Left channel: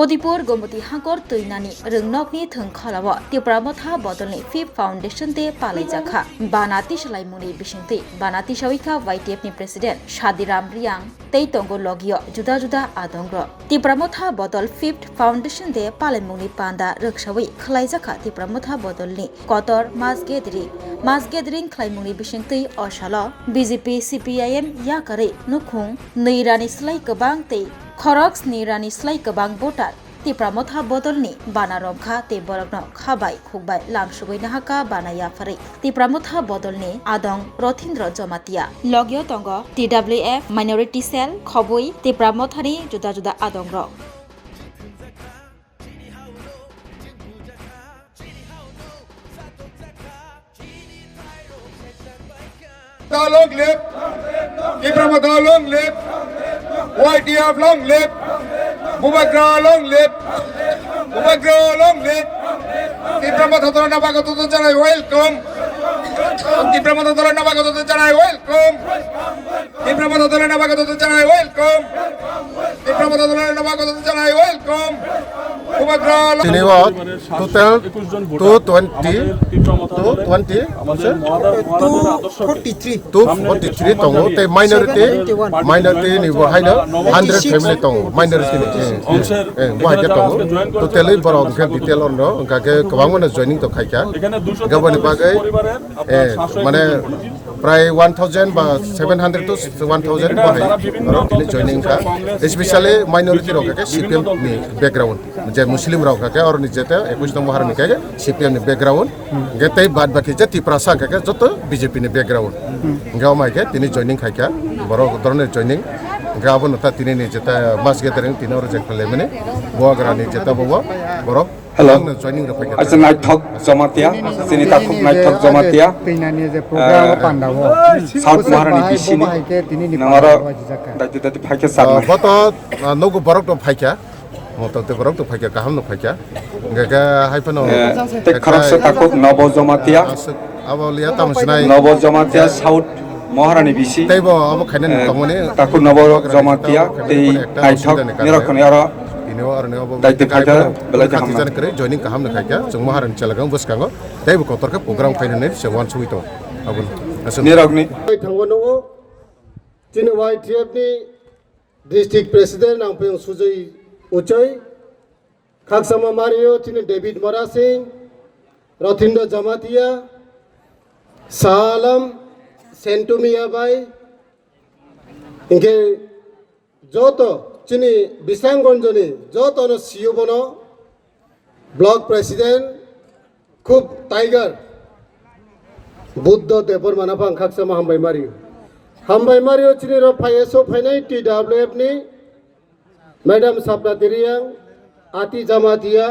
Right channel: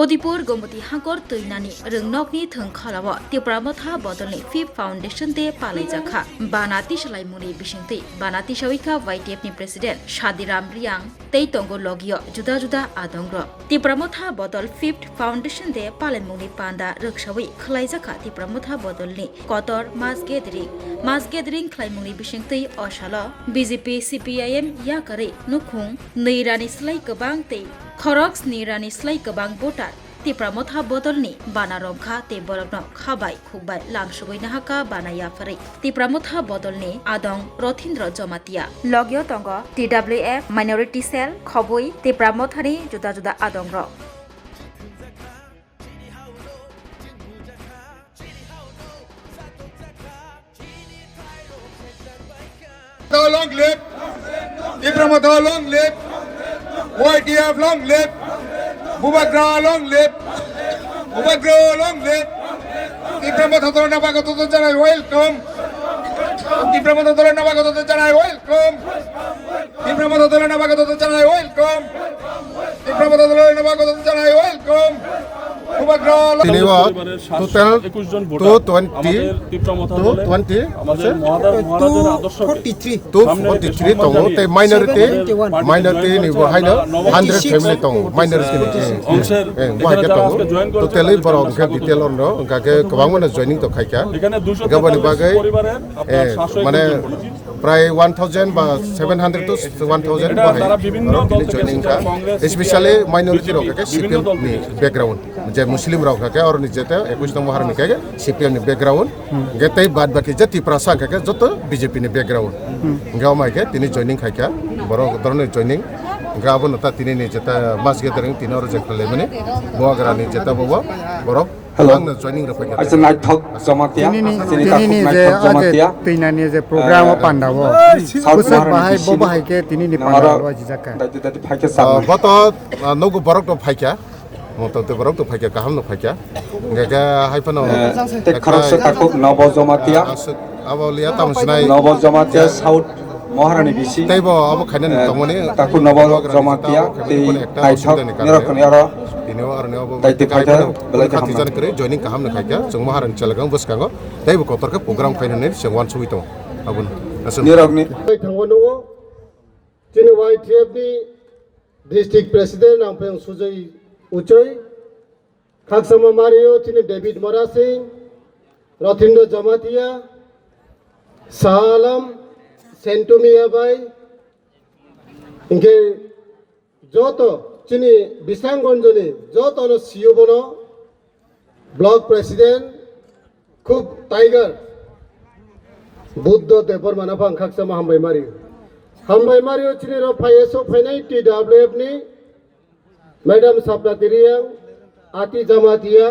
Odipur Gomoti Hangor Tuinani Rungnokni Thungkhalawa Tipramotha Bodolni Fifth Foundation Day Palaijakha Banati Shalaimuni Bishingti Banati Shawika YTF ni President Shadiram Riang Tei Tongo Logio Juda Juda Adongro Tipramotha Bodol Fifth Foundation Day Palemuni Panda Rukshawi Khlaijakha Tipramotha Bodolni Kotor Mass Gathering Khlaimuni Bishingti Oshala BJP CPIM Yakare Nukhung Neirani Slai Kabang Tei Khoroks Nirani Slai Kabang Botar Tipramotha Bodolni Banaromkha Te Borokno Khabai Khukbai Langsugoi Nahaka Banaya Farik Tipramotha Bodolni Adong Rothindro Jomatia Logio Tongo TWF Minority Cell Khoboi Tipramothani Juda Juda Adongro Long live! Tipramotha long live! YTF long live! Mubagra long live! Mubagra long live! Tipramotha Dolana Bagato Janai welcome! Tipramotha Dolana Bagato Janai welcome! Tipramotha Dolana Bagato Janai welcome! Tipramotha Dolana Bagato Janai welcome! Total 220 243 tongo te minority ni bo haina 100 family tongo minority ni bo haja tongo totally borong ke detail orno ga ke kwang mana joining to khaika gabani bagai mane প্রায় 1000 বা 700 to 1000 বহাই আর তিনি joining কা specially minority রকাকে CPM নি background যে মুসলিম রকাকে আর নিজেতে 21 নম্বর হারনি কাকে CPM নি background গেতেই বাদ বাকি যে ত্রিপুরা কাকে যত বিজেপি নি ব্যাকগ্রাউন্ড গাও মাইকে তিনি জয়েনিং খাইকা বড় ধরনের জয়েনিং গাবন তা তিনি নি যেটা মাস গেদারিং তিনি আর যে খলে মানে বগারানি যেটা বব বড় Lang joining the packet. As I talk Somatia, Senator Talk Somatia, Tinani is a program of Pandavo. South Maharani Tini that the Pakistan. But no go borok to Pika, Moto the borok to Pika, Kaham no Pika, Gaga Hypano, the Karasako, Nobo Zomatia, Avolia Tamsnai, Nobo Zomatia, South Maharani Bishi, Table of Canon Tomone, Taku Nobo Zomatia, the Ini orang ni apa? Kita katijan kerja joining kaham nak kaya, semua hari celagang bos kango. Tapi bukan kotor ke program kain ini semua suwi tong. Abun. Niragni. Thangwono, Chini YTF ni District President Ampeng Sujai Uchoy, Kaksama Mario, Chini David Morasi, Rothindo Jamatia, Salam, Sentumia Bai, Inge Joto. Chini Bisangonjoni, Jotono Siyobono, Block President, Kup Tiger, Buddha Depor Manapang Kaksama Hambai Mario, Chini Rapayeso Penai TWF ni, Madam Sapatiria, Ati Jamatia,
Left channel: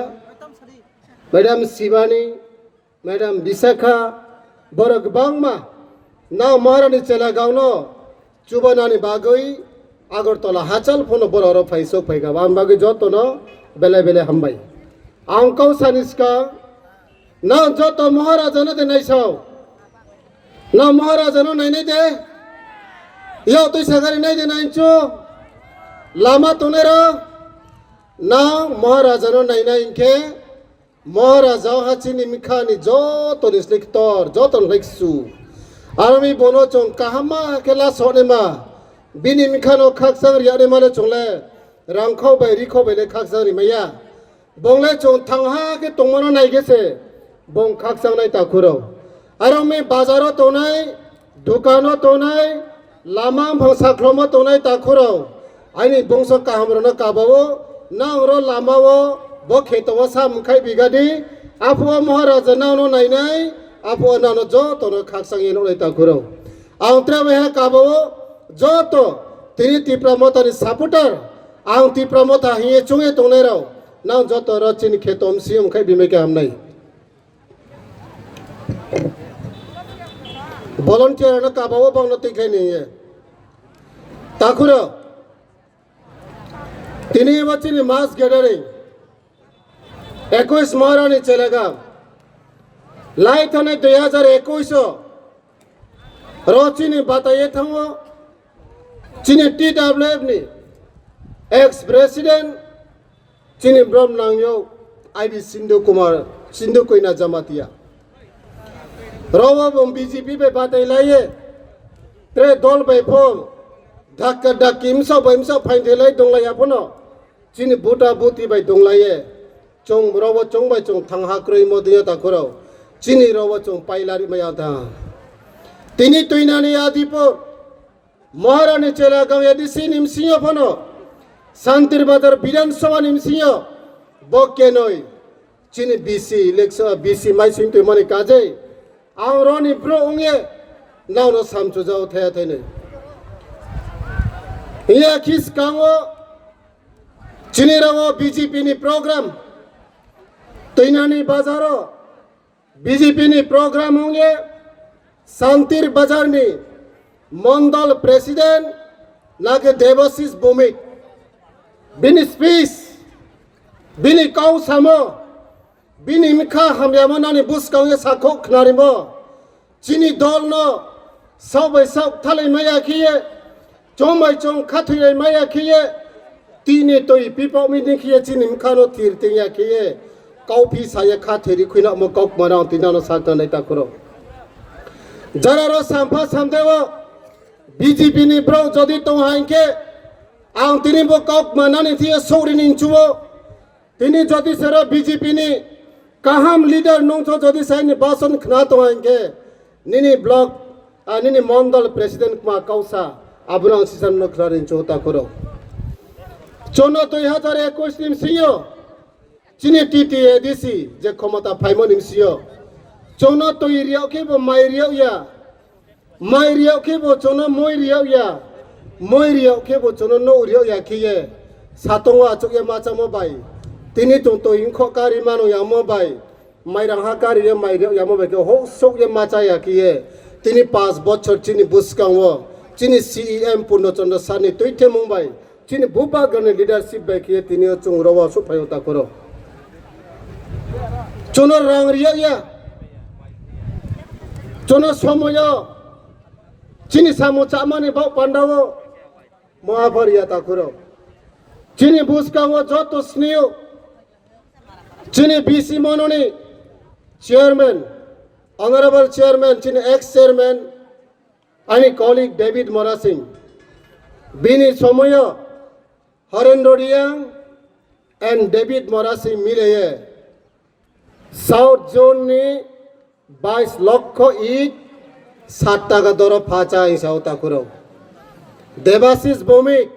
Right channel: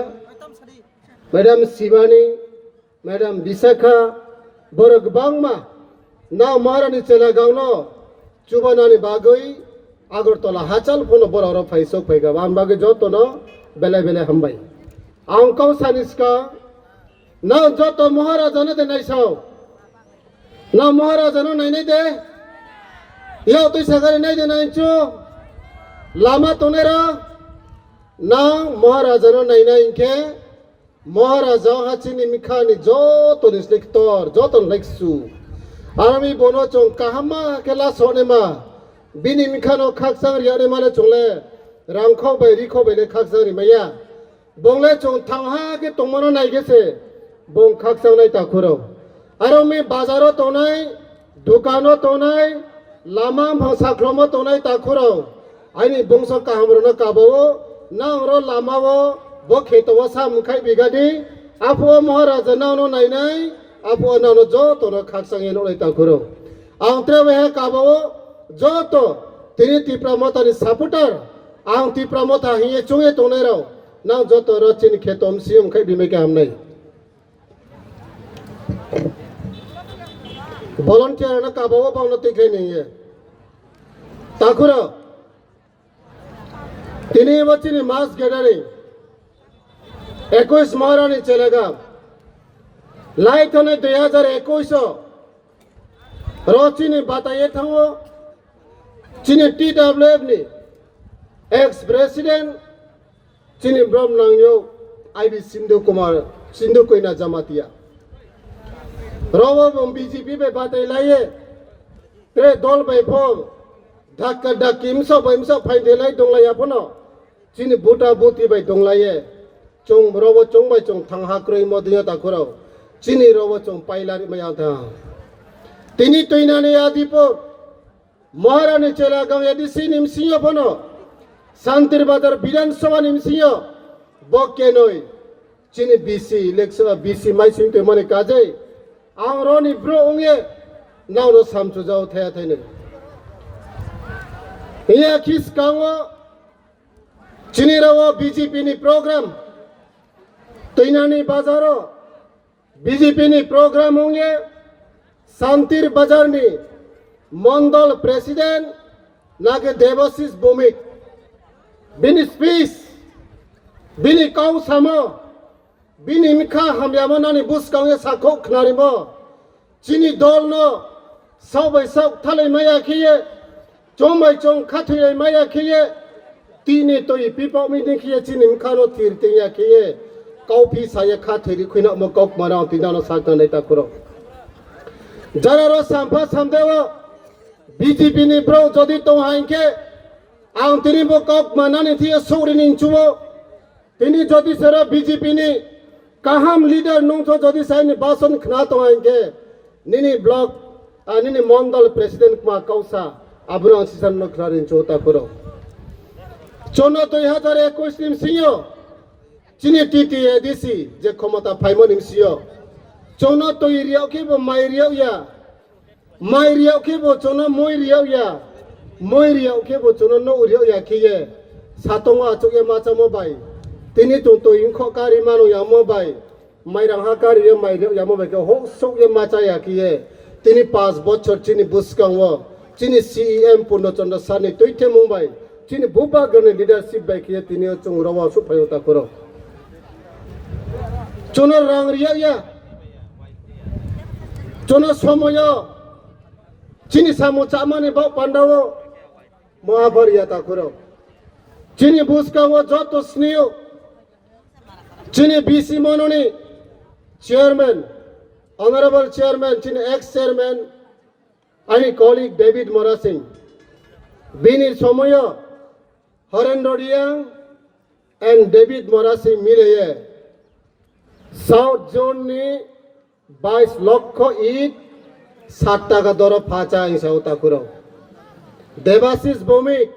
Madam Sivani, Madam Bisakha, Borok Bangma, now Marani Chelagauno, Chubanani Bagoi, Agortola Hachal Puno Bororo Paisok Pega, Ambaga Jotono, Bele Bele Hambai. Uncle Saniska, now Joto Maharajana the Naisao. Now Maharajano Nanide, Yautu Sagari Nacho, Lama Tonera, now Maharajano Nainke, Maharaja Hachini Mikani, Joto is Lictor, Joton Lexu, Army Bonochon, Kahama, Kela Sonema. Bini Mikano Kaksang Yademana Chole, Ramko by Rico by the Kaksari Maya. Bongle Chon Tangha get Tomona Nagese, Bon Kaksang Takuro. Arome Bazaro Tonai, Ducano Tonai, Lama Sakromo Tonai Takuro. I need Bonso Kahamrona Kabao, Nangro Lamao, Boketawasa Mukai Bigadi, Apua Maharaja Nano Nainai, Apua Nano Joto, Kaksang Yeno Takuro. Antraveha Kabao. Joto, Tini Tipramotha ni supporter, Ang Tipramotha hiye chunge tonero, Nang Joto Rochin Ketom Sium Kai Bimeke Amnai. Volunteer na Kabawa Bonoti Kene. Takura, Tini Wachini Mass Gathering, Equus Morani Chelega, Light on it, the other Equuso, Rochini Batayetango. Chini TWF ni ex-president চিনি ব্রহ্ম নাংয়ো IB সিন্ধু কইনা জামাতিয়া রাও BJP বে বাতাই লাইয়ে ত্রে দল বে ফম ধাক্কা ডাকি ইমসা ফাইন্দেলাই দংলাইয়া ফনো চিনি বুটা বুতি বে দংলাইয়ে চং রাও চং বাই চং থাংহা ক্রই মদিয়া তাখরাও চিনি রাও চং পাইলারি মায়া থা তিনি তৈনানি আদিপুর মহারানী চেলাগাঁও এডিসি নিমসিয়া ফনো শান্তির বাজার বিধানসভা নিমসিয়া বকে নয় চিনি বিসি ইলেকশন বিসি মাইসিং তো মানে কাজে আংরনি ব্রো ওঙে নাওনো সামচু যাও থায়া থাইনে ইয়া খিস কাঙো চিনি রাও বিজেপি নি প্রোগ্রাম তৈনানি বাজারো বিজেপি নি প্রোগ্রাম ওঙে শান্তির বাজার নি মন্ডল প্রেসিডেন্ট নাগে দেবাশিস ভৌমিক বিনি স্পিচ বিনি কাউ সামো বিনি মিখা হাময়ামনানি বুসকাউয়ে সাখো খনারিমো চিনি দল ন সবাই সব থালে মায়া খিয়ে চমাই চং খাথুয়ে মায়া খিয়ে তিনে তৈ পিপো মিনি খিয়ে চিনি মিখানো থিরতেয়া খিয়ে কাউফি সায়ে খাথেরি খুইনা মো কাউক মারাও তিনানো সাকানে তাকুরো যারা সামফা সামদেও বিজেপি নি ব্রো যদি তো হাইকে আং তিনি বো কাউক মানানি থিয়ে সৌরি নিংচুও তিনি যদি সেরা বিজেপি নি কাহাম লিডার নংথো যদি সাইনি বাসন খনা তো হাইকে নিনি ব্লক নিনি মন্ডল প্রেসিডেন্ট মা কাউসা আবুরাং সিসান নখরারিন চোতা করো চোনা 2021 নিম সিও চিনি টিটি এডিসি যে ক্ষমতা ফাইমো নিম সিও চোনা তো ইরিয়াও কে বো মাইরিয়াও ইয়া মাইরিয়াও কে বো চোনা মইরিয়াও ইয়া মইরিয়াও কে বো চোনা নো উরিয়াও ইয়া কিয়ে সাতংwa চোকে মাচা মোবাই তিনি তো ইনখো কারি মানো ইয়া মোবাই মাইরাং হা কারি ইয়া মাইরিয়াও ইয়া মোবাই কে হো সোকে মাচা ইয়া কিয়ে তিনি 5 বছর চিনি বুসকাংও চিনি সিএম পূর্ণচন্দ্র সানি তৈথে মুম্বাই চিনি বুবাগনে লিডারশিপ বাই কিয়ে তিনি চংরওয়া সুফায়তা করো চোনা রাং রিয়া ইয়া চোনা সময় চিনি সামো চামানে বাপ পান্ডাও মহাভারিয়া তাকুরো চিনি বুসকাও যত স্নেহ চিনি বিসি মননি চেয়ারম্যান অনারেবল চেয়ারম্যান চিনি এক্স চেয়ারম্যান আনি কলিগ ডেভিড মোরা সিং বিনি সময় হরেন্দ্র রিয়াং এন্ড ডেভিড মোরা সিং মিলে সাউথ জোন নি 22 লক্ষ ইট 7 টাকা দর ফাঁচা হিসাও তাকুরো দেবাশিস ভৌমিক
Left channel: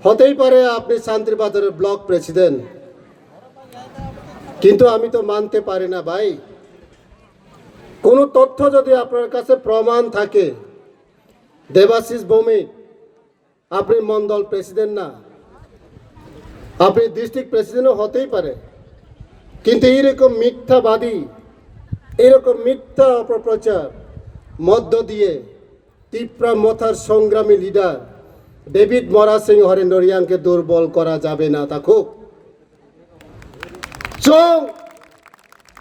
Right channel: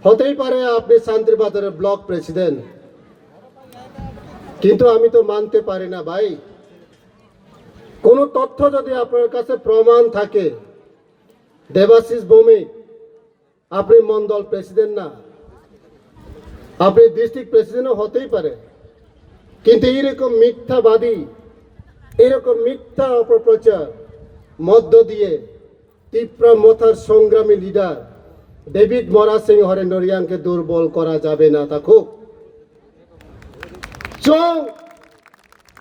হতেই পারে আপনি শান্তিবাজারের ব্লক প্রেসিডেন্ট কিন্তু আমি তো মানতে পারি না ভাই কোন তথ্য যদি আপনার কাছে প্রমাণ থাকে দেবাশিস ভৌমিক আপনি মন্ডল প্রেসিডেন্ট না আপনি ডিস্ট্রিক্ট প্রেসিডেন্টও হতেই পারে কিন্তু এরকম মিথ্যাবাদী এরকম মিথ্যা অপপ্রচার মধ্য দিয়ে তিপ্রা মথার সংগ্রামী লিডার ডেভিড মোরা সিং হরেন্দ্র রিয়াংকে দুর্বল করা যাবে না থাকুক চং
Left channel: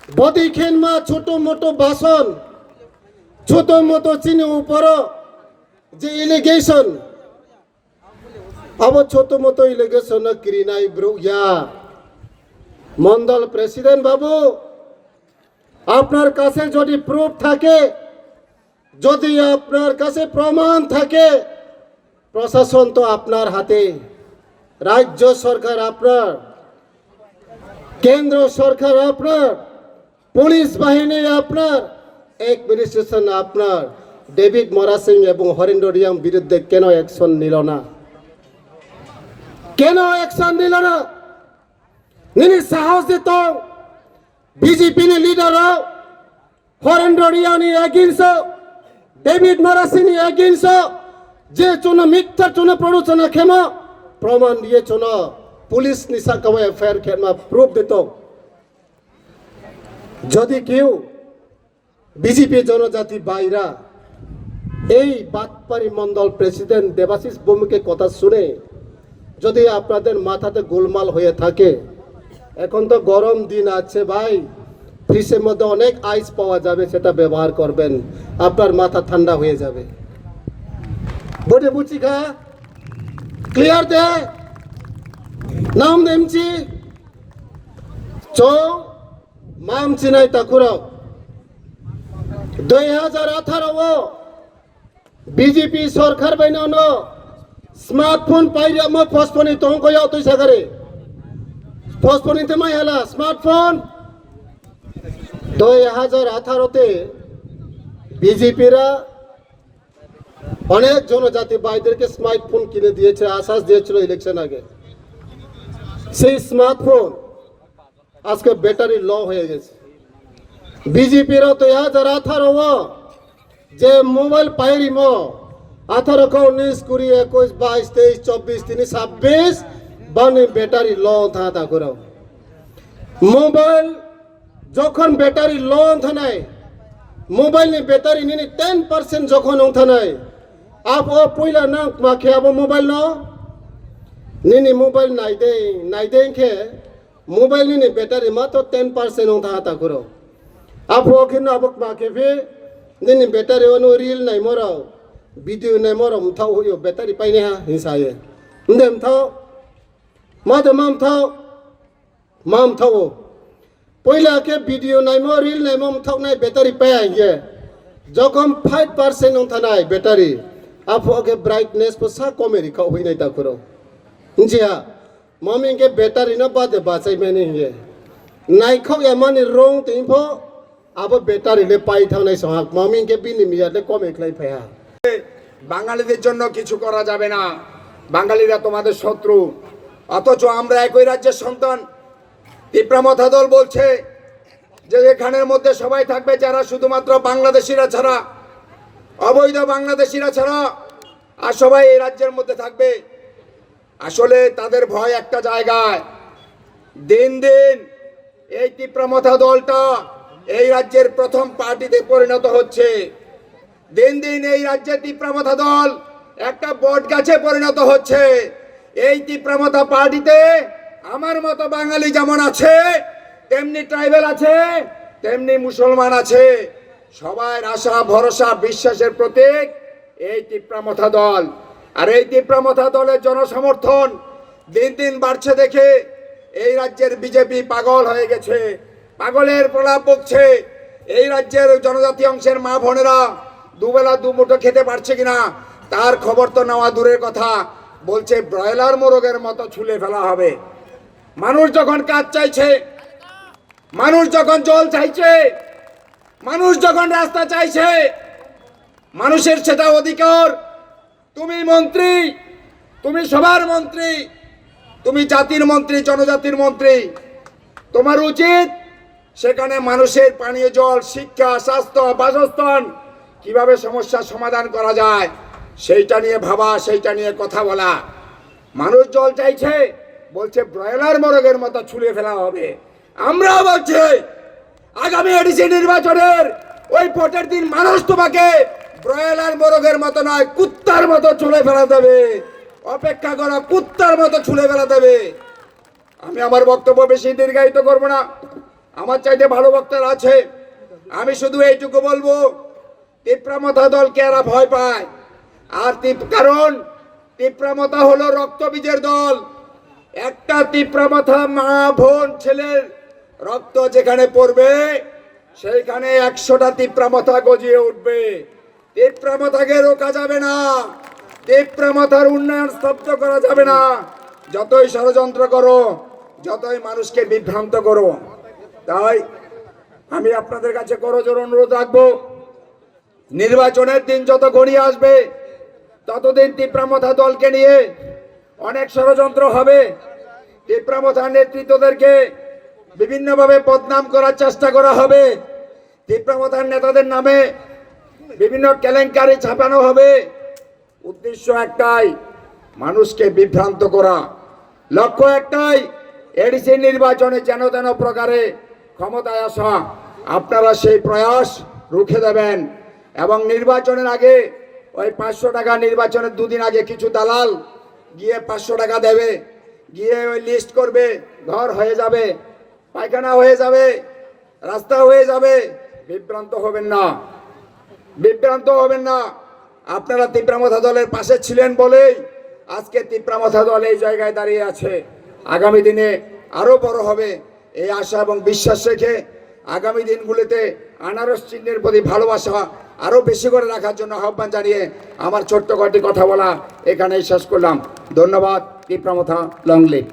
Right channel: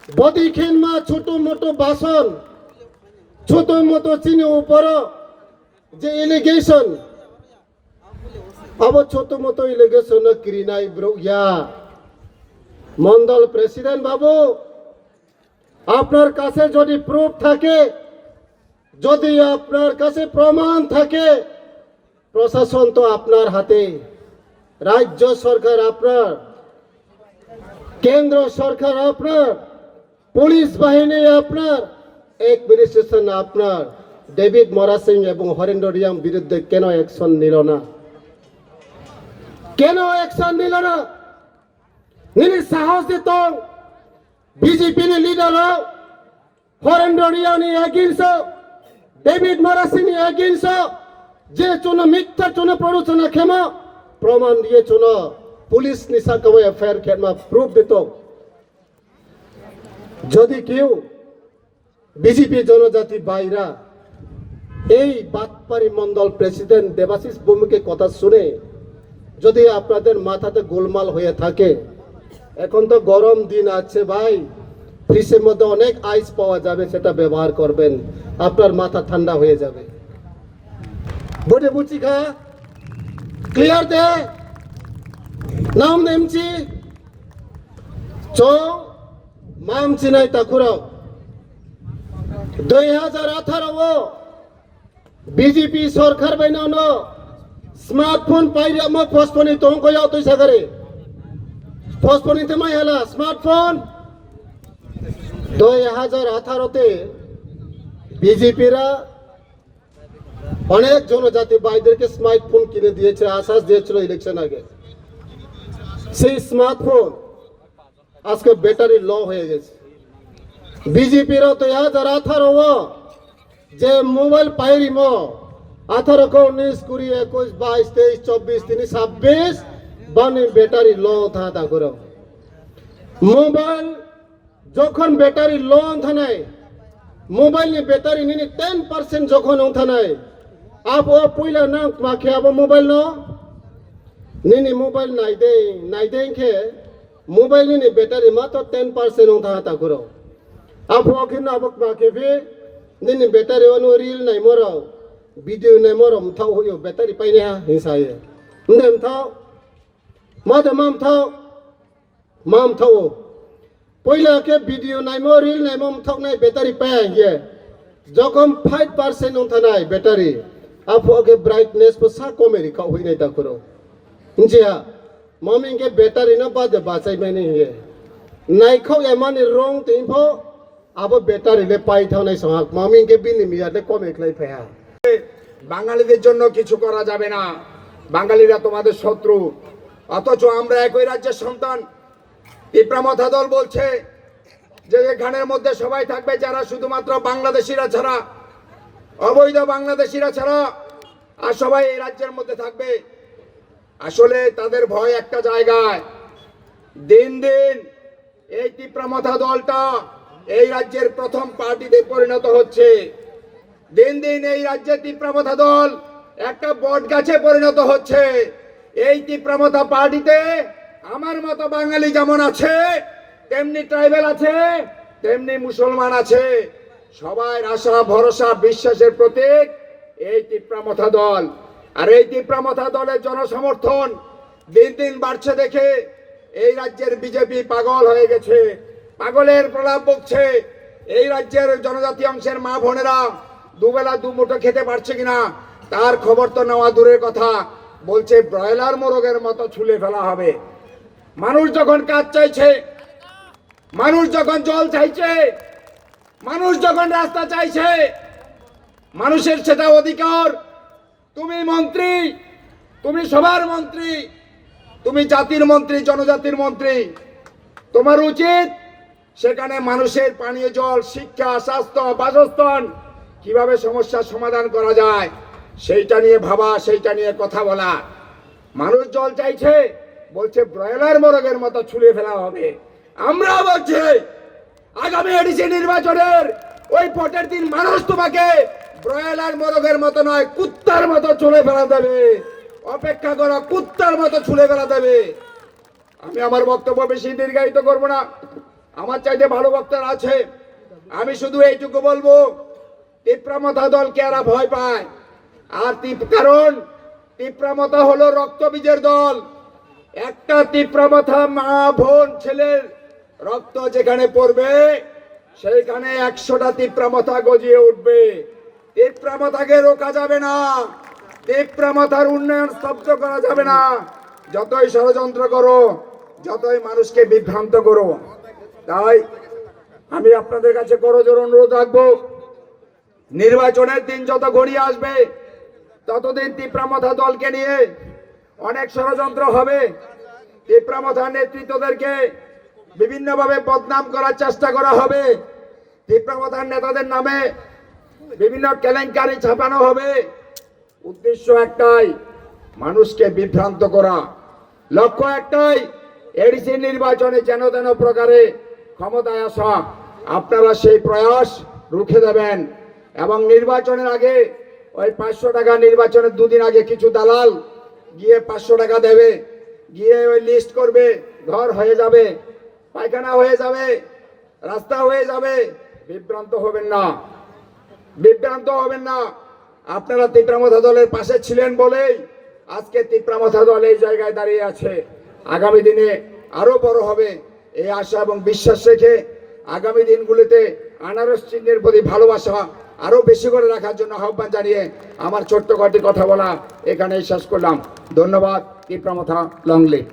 বদি খেলমা ছোট মোটো বাসন ছোট মোটো চিনি উপর যে ইলিগেশন আবার ছোট মোটো ইলিগেশন ক্রিনাই ব্রো ইয়া মন্ডল প্রেসিডেন্ট বাবু আপনার কাছে যদি প্রুফ থাকে যদি আপনার কাছে প্রমাণ থাকে প্রশাসন তো আপনার হাতে রাজ্য সরকার আপনার কেন্দ্র সরকার আপনার পুলিশ বাহিনী আপনার অ্যাডমিনিস্ট্রেশন আপনার ডেভিড মোরা সিং এবং হরেন্দ্র রিয়াং বিরুদ্ধে কেন অ্যাকশন নিল না কেন অ্যাকশন নিল না নিনি সাহস দিত BJP leader Harendra Reang against David মোরা সিং এগেইনস্ট যে চুন মিথ্যা চুন প্ররোচনা ক্ষমা প্রমাণ দিয়ে চুন পুলিশ নিশা কমে এফআইআর ক্ষমা প্রুফ দিত যদি কেউ বিজেপি জনজাতি বাইরা এই বাতপারি মন্ডল প্রেসিডেন্ট দেবাশিস ভৌমিকের কথা শুনে যদি আপনাদের মাথাতে গোলমাল হয়ে থাকে এখন তো গরম দিন আছে ভাই ফ্রিজের মধ্যে অনেক আইস পাওয়া যাবে সেটা ব্যবহার করবেন আপনার মাথা ঠান্ডা হয়ে যাবে বটে বুঝি খা ক্লিয়ার দে নাম নেমছি চ মাম চিনাই তাকুরাও 2018 বিজেপি সরকার বাইনানো স্মার্টফোন পাইরামো ফসফনি তংকয়াও তুই সাগরে ফসফনিতে মাই হালা স্মার্টফোন 2018 তে বিজেপিরা অনেক জনজাতি ভাইদেরকে স্মার্টফোন কিনে দিয়েছে, আশ্বাস দিয়েছিল ইলেকশন আগে। সেই স্মার্টফোন আজকে ব্যাটারি লো হয়ে গেছে। বিজেপিরা 2018 যে মোবাইল পাইরিম 18, 19, 20, 21, 22, 23, 24, 26 বানি ব্যাটারি লো থাকা করো। মোবাইল যখন ব্যাটারি লো থানাই মোবাইল নি ব্যাটারি নিনি 10% যখন থানাই আব পয়লা না মাখে আব মোবাইল ন নিনি মোবাইল নাই দে কে মোবাইল নিনি ব্যাটারি মাত্র 10% থাকা করো। আব ওখানে আব মাখে ফে নিনি ব্যাটারি অনু রিল নাই মরো ভিডিও নাই মরো মথাও হইও ব্যাটারি পাইনে হিসায়ে নদে মথাও মাদে মাম থাও পয়লা কে ভিডিও নাইমো রিল নাইমো মথাও নাই ব্যাটারি পায় গে যখন 5% থানাই ব্যাটারি আফোকে ব্রাইটনেস পোসা কমেরি কা হই নাই তা করো জিয়া মমি কে ব্যাটারি না বাদে বাঁচাই মেনি গে নাই খাও এমানি রং তিনফো আব ব্যাটারি লে পাই থাও নাই সহাক মমি কে বিনি মিয়াতে কমে ক্লাই ফায়া বাঙালিদের জন্য কিছু করা যাবে না, বাঙালিরা তোমাদের শত্রু। অথচ আমরা একই রাজ্যের সন্তান। তিপ্রামথা দল বলছে যে এখানের মধ্যে সবাই থাকবে যারা শুধুমাত্র বাংলাদেশিরা ছাড়া, অবৈধ বাংলাদেশিরা ছাড়া, আর সবাই এই রাজ্যের মধ্যে থাকবে। আসলে তাদের ভয় একটা জায়গায়, দিন দিন এই তিপ্রামথা দলটা এই রাজ্যের প্রথম পার্টিতে পরিণত হচ্ছে। দিন দিন এই রাজ্যে তিপ্রামথা দল একটা বট গাছে পরিণত হচ্ছে। এই তিপ্রামথা পার্টিতে আমার মতো বাঙালি যেমন আছে, তেমনি ট্রাইবেল আছে, তেমনি মুসলমান আছে। সবার আশা ভরসা বিশ্বাসের প্রতীক এই তিপ্রামথা দল। আর এই তিপ্রামথা দলের জনসমর্থন দিন দিন বাড়ছে দেখে এই রাজ্যের বিজেপি পাগল হয়ে গেছে, পাগলের প্রলাপ বকছে। এই রাজ্যের জনজাতি অংশের মা বোনেরা দুবেলা দুমুঠো খেতে পারছে কিনা তার খবর তো নেওয়া দূরের কথা, বলছে ব্রয়লার মোরগের মতো ছুলে ফেলা হবে। মানুষ যখন কাজ চাইছে, মানুষ যখন জল চাইছে, মানুষ যখন রাস্তা চাইছে, মানুষের সেটা অধিকার। তুমি মন্ত্রী, তুমি সবার মন্ত্রী, তুমি জাতির মন্ত্রী, জনজাতির মন্ত্রী। তোমার উচিত সেখানে মানুষের পানীয় জল, শিক্ষা, স্বাস্থ্য, বাসস্থান কিভাবে সমস্যার সমাধান করা যায় সেইটা নিয়ে ভাবা, সেইটা নিয়ে কথা বলা। মানুষ জল চাইছে, বলছে ব্রয়লার মোরগের মতো ছুলে ফেলা হবে। আমরা বলছি আগামী এডিসি নির্বাচনের ওই ভোটের দিন মানুষ তোমাকে ব্রয়লার মোরগের মতো নয়, কুত্তার মতো ছুলে ফেলা দেবে। অপেক্ষা করো, কুত্তার মতো ছুলে ফেলা দেবে। আমি আমার বক্তব্য বেশি দীর্ঘায়িত করবো না, আমার চাইতে ভালো বক্তারা আছে। আমি শুধু এইটুকু বলবো, তিপ্রামথা দলকে এরা ভয় পায়। আর কারণ তিপ্রামথা হলো রক্তবীজের দল। একটা তিপ্রামথা মা বোন ছেলের রক্ত যেখানে পড়বে সেইখানে 100টা তিপ্রামথা গজিয়ে উঠবে। তিপ্রামথাকে রোকা যাবে না, তিপ্রামথার উন্নয়ন স্তব্ধ করা যাবে না। যতই ষড়যন্ত্র করো, যতই মানুষকে বিভ্রান্ত করো। তাই আমি আপনাদের কাছে করজোর অনুরোধ রাখবো, নির্বাচনের দিন যত ঘনিয়ে আসবে ততদিন তিপ্রামথা দলকে নিয়ে অনেক ষড়যন্ত্র হবে। তিপ্রামথা নেতৃত্বদেরকে বিভিন্নভাবে বদনাম করার চেষ্টা করা হবে। তিপ্রামথার নেতাদের নামে বিভিন্ন কেলেঙ্কারি ছাপানো হবে। উদ্দেশ্য একটাই, মানুষকে বিভ্রান্ত করা। লক্ষ্য একটাই, এডিসি নির্বাচনে যেন তেন প্রকারে ক্ষমতায় আসা। আপনারা সেই প্রয়াস রুখে দেবেন। এবং নির্বাচনের আগে ওই 500 টাকা, নির্বাচনের দুদিন আগে কিছু দালাল গিয়ে 500 টাকা দেবে, গিয়ে ওই লিস্ট করবে, ঘর হয়ে যাবে, পায়খানা হয়ে যাবে, রাস্তা হয়ে যাবে। বিভ্রান্ত হবেন না, বিভ্রান্ত হবেন না। আপনারা তিপ্রামথা দলের পাশে ছিলেন বলেই আজকে তিপ্রামথা দল এই জায়গায় দাঁড়িয়ে আছে। আগামী দিনে আরো বড় হবে এই আশা এবং বিশ্বাস রেখে আগামী দিনগুলিতে আনারস চিহ্নের প্রতি ভালোবাসা আরো বেশি করে রাখার জন্য আহ্বান জানিয়ে আমার ছোট্ট কটি কথা বলা এখানেই শেষ করলাম। ধন্যবাদ। তীব্রমথা লং লিভ।